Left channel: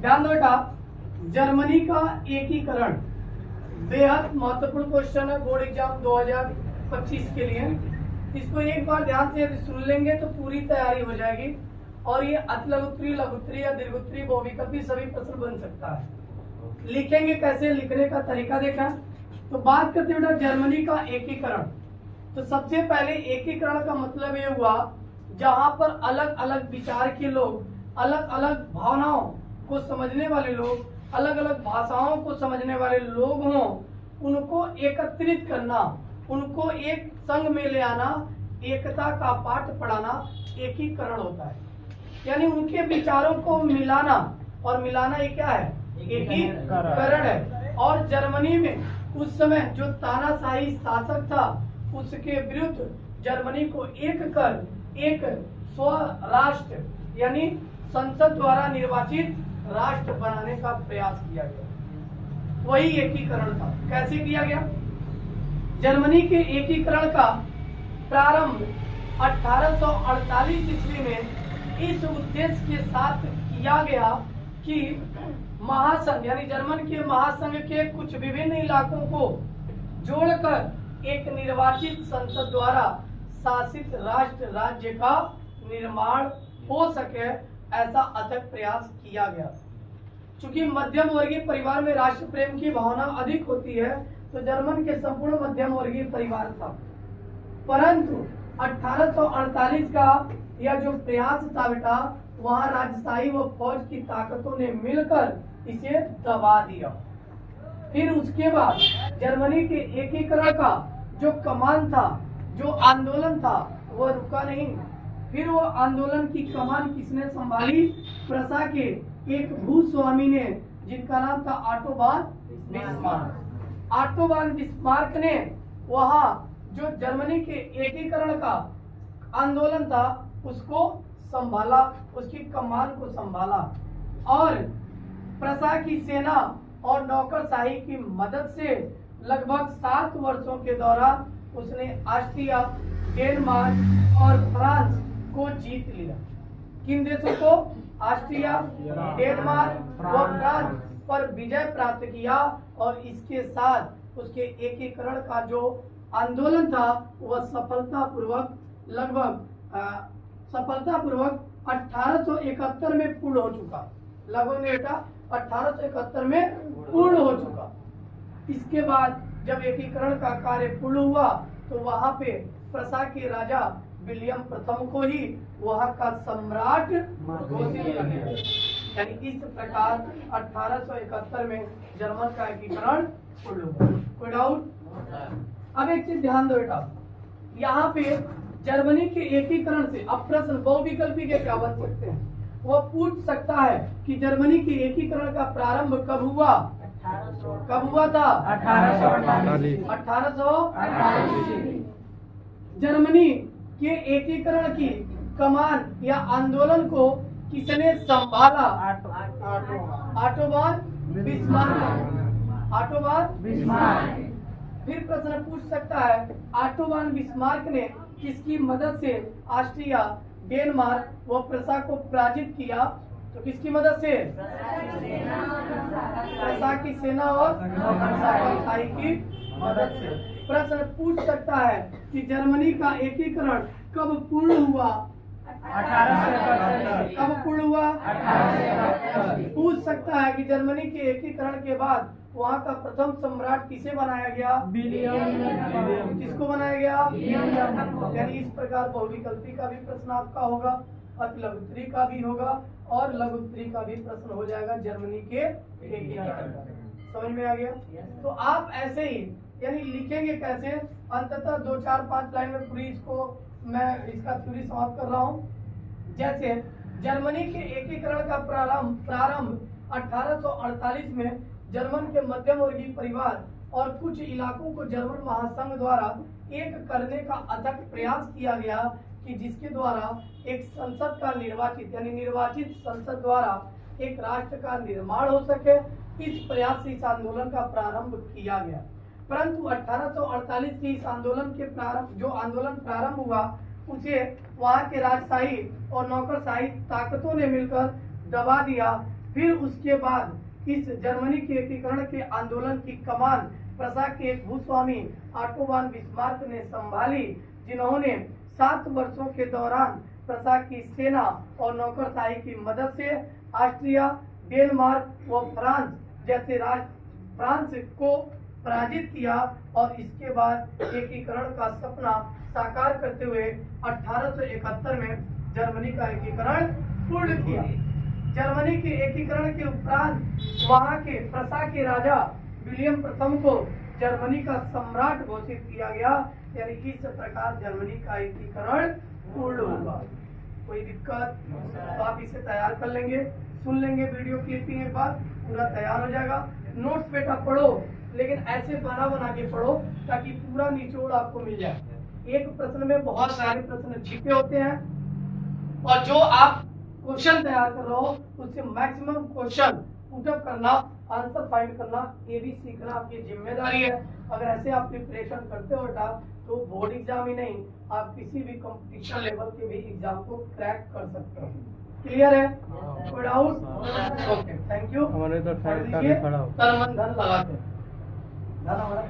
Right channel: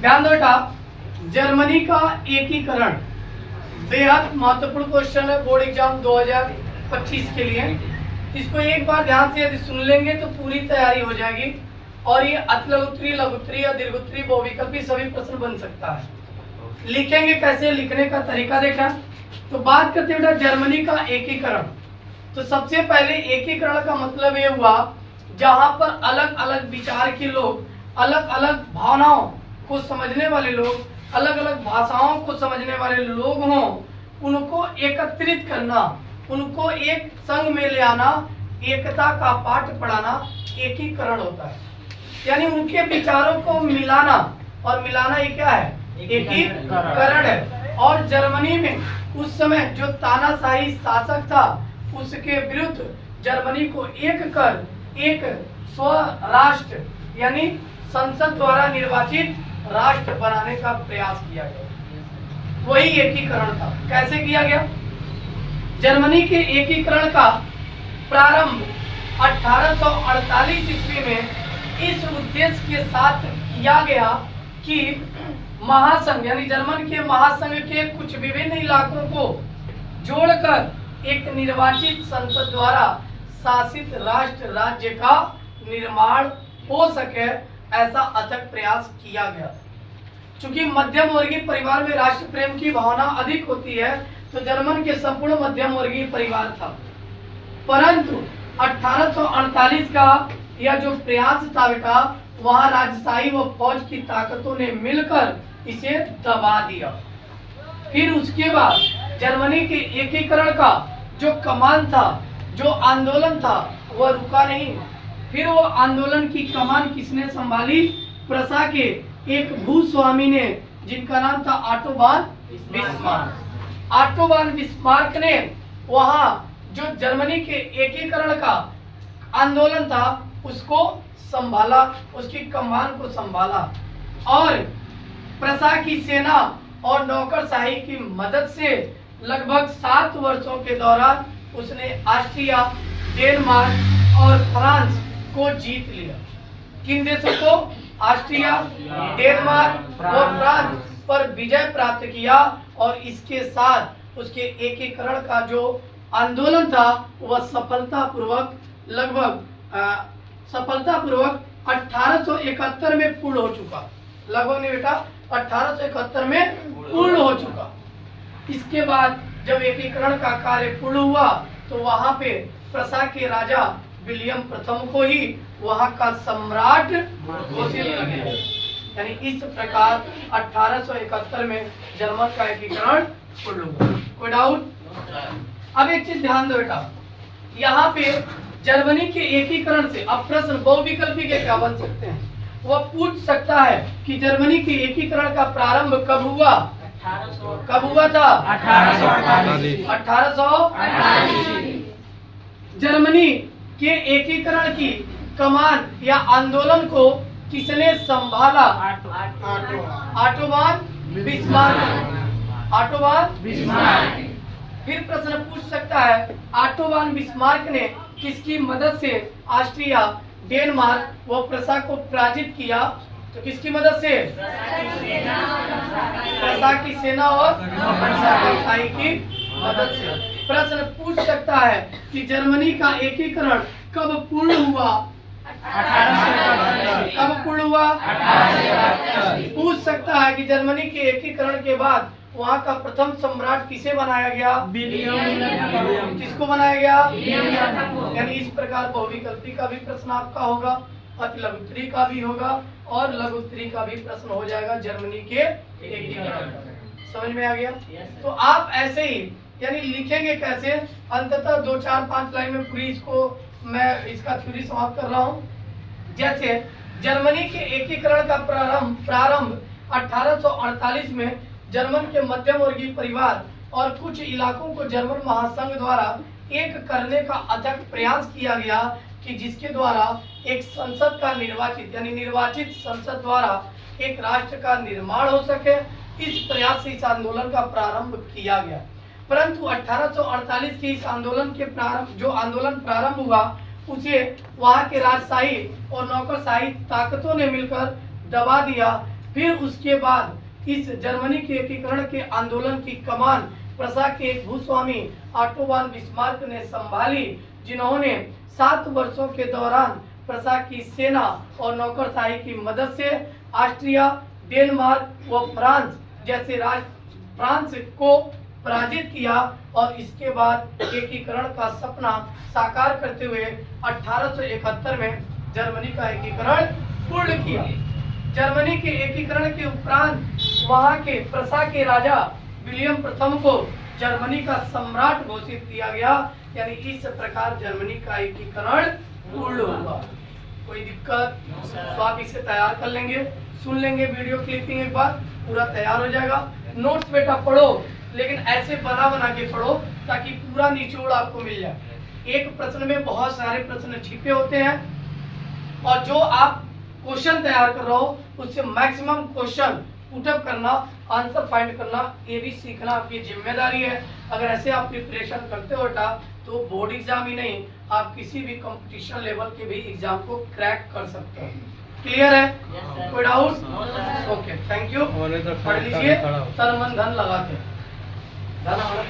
ध्यान दो बेटा, जर्मनी का एकीकरण बेहद महत्वपूर्ण क्वेश्चन है बोर्ड एग्जाम 2025 के लिए। इसको एक बार ध्यान से यदि सुन लेंगे तो पूरी तैयारी हो जाएगी और ये अतिलघुत्तरी, लघुत्तरी या दीर्घोत्तरी, बहुविकल्पी सभी प्रश्न बन सकता है। लिखेंगे कैसे, लिखने का तरीका देखा। तो बात करते हैं बेटा जर्मनी का एकीकरण। तो सबसे पहले एकीकरण का मतलब ये हुआ जहां पर अलग अलग विचार के लोग, अलग अलग भावनाओं को समझने वाले लोग, अलग अलग भाषाओं को समझने वाले लोग हों, उनको एकत्रित करना, उनको एक संघ में ले आना, एकता का पाठ पढ़ाना एकीकरण होता है। यानी उनके विचारों को मिलाना, और मिलाना ये क्या है, एकीकरण है। और जर्मनी में उस समय जो तानाशाही शासक था उसके विरुद्ध जर्मनी को एक कर एक स्वराष्ट्र यानी संसद द्वारा निर्वाचित राष्ट्र बनाने का प्रयास किया गया। वही एकीकरण था। कैसे किया गया? जर्मनी के एकीकरण का प्रारंभ 1848 ईस्वी में इस उद्देश्य के साथ किया गया कि महासंघ यानी जर्मन के महासंघ के कुछ विभिन्न इलाकों को जोड़कर एक निर्वाचित संसद द्वारा शासित राष्ट्र राज्य का निर्माण हो सके, ऐसा अथक प्रयास किया गया। चूंकि मध्यम वर्गीय परिवार में राष्ट्र प्रेम की भावना अधिक होती है, तो जर्मन के संपूर्ण मध्यम वर्गीय परिवार था। परंतु 1848 का यह जो प्रयास था बेटा, वहां राजशाही व फौज की ताकतों ने मिलकर इसे दबा दिया। फिर उसके बाद जर्मनी के एकीकरण का जो कमान था, जो आंदोलन था, वह रुका नहीं। फिर वो आंदोलन की कमान किसने संभाली? प्रसा के एक भूस्वामी ने, जिनका नाम था Otto von Bismarck. Otto von Bismarck ने वहां जो जर्मनी के एकीकरण का आंदोलन था उसको संभाला, उसकी कमान को संभाला, और प्रसा की सेना और नौकरशाही की मदद से लगभग 7 वर्षों के दौरान उसने ऑस्ट्रिया, डेनमार्क और फ्रांस को जीत लिया। किन देशों को? ऑस्ट्रिया, डेनमार्क और फ्रांस पर विजय प्राप्त किया। और इसके साथ उसके एकीकरण का जो आंदोलन था वह सफलतापूर्वक 1871 में पूर्ण हो चुका। लगभग नहीं बेटा, 1871 में पूर्ण हो चुका। इसके बाद जब एकीकरण का कार्य पूर्ण हुआ तो वहां पे प्रसा के राजा विलियम प्रथम को ही वहां का सम्राट घोषित कर दिया। यानी इस प्रकार 1871 में जर्मन का एकीकरण पूर्ण हुआ। कोई डाउट? अब एक चीज ध्यान दो बेटा, यहाँ पे जर्मनी के एकीकरण से अब प्रश्न बहुविकल्पी के क्या बन सकते हैं? वह पूछ सकता है कि जर्मनी के एकीकरण का प्रारंभ कब हुआ? कब हुआ था? 1848। जर्मनी के एकीकरण की कमान या आंदोलन को किसने संभाला? Otto von Bismarck. Otto von Bismarck. फिर प्रश्न पूछ सकता है ऑटो वॉन बिस्मार्क ने किसकी मदद से ऑस्ट्रिया, डेनमार्क व प्रसा को पराजित किया? तो किसकी मदद से? प्रसा की सेना और नौकरशाही की मदद से। प्रश्न पूछ सकता है कि जर्मनी का एकीकरण कब पूर्ण हुआ? 1871। कब पूर्ण हुआ? 1871। पूछ सकता है कि जर्मनी के एकीकरण के बाद वहाँ का प्रथम सम्राट किसे बनाया गया? विलियम। किसको बनाया गया? यानी इस प्रकार बहुविकल्पी का भी प्रश्न आपका होगा, अतिलघुत्तरी का भी होगा और लघुत्तरी का भी प्रश्न हो जाएगा जर्मनी के एकीकरण। समझ में आ गया? तो आप ऐसे ही यानी लिखेंगे कैसे? अंततः 2, 4, 5 लाइन में पूरी इसको मैं इसका थ्योरी समाप्त कर रहा हूँ। जैसे जर्मनी के एकीकरण का प्रारंभ 1848 में जर्मन के मध्यम वर्गीय परिवार और कुछ इलाकों को जर्मन महासंघ द्वारा एक करने का अथक प्रयास किया गया कि जिसके द्वारा एक संसद का निर्वाचित संसद द्वारा एक राष्ट्र का निर्माण हो सके। इस प्रयास से इस आंदोलन का प्रारंभ किया गया। परंतु 1848 के इस आंदोलन के जो आंदोलन प्रारंभ हुआ उसे वहां के राजशाही और नौकरशाही ताकतों ने मिलकर दबा दिया। फिर उसके बाद इस जर्मनी के एकीकरण के आंदोलन की कमान प्रसा के एक भूस्वामी ऑटो वॉन बिस्मार्क ने संभाली, जिन्होंने 7 वर्षों के दौरान प्रसा की सेना और नौकरशाही की मदद से ऑस्ट्रिया, डेनमार्क व फ्रांस जैसे फ्रांस को पराजित किया और इसके बाद एकीकरण का सपना साकार करते हुए 1871 में जर्मनी का एकीकरण पूर्ण किया। जर्मनी के एकीकरण के उपरांत वहां के प्रसा के राजा विलियम प्रथम को जर्मनी का सम्राट घोषित किया गया। यानी इस प्रकार जर्मनी का एकीकरण पूर्ण हुआ। कोई दिक्कत? तो आप इसे तैयार कर लेंगे, सुन लेंगे वीडियो क्लिपिंग, एक बार पूरा तैयार हो जाएगा। नोट्स बेटा पढ़ो, लेकिन ऐसे बना बना के पढ़ो ताकि पूरा निचोड़ आपको मिल जाए। एक प्रश्न में बहुत सारे प्रश्न छिपे होते हैं और जो आप क्वेश्चन तैयार कर रहे हो उससे मैक्सिमम क्वेश्चन पुटअप करना, आंसर फाइंड करना, ये भी सीखना आपकी जिम्मेदारी है। अगर ऐसे आप प्रिपरेशन करते हो बेटा तो बोर्ड एग्जाम ही नहीं, आप किसी भी कंपटीशन लेवल के भी एग्जाम को क्रैक कर सकते हो। क्लियर है? कोई डाउट? Okay, thank you. पढ़ लीजिए, तन मन धन लगा के। धन हमारा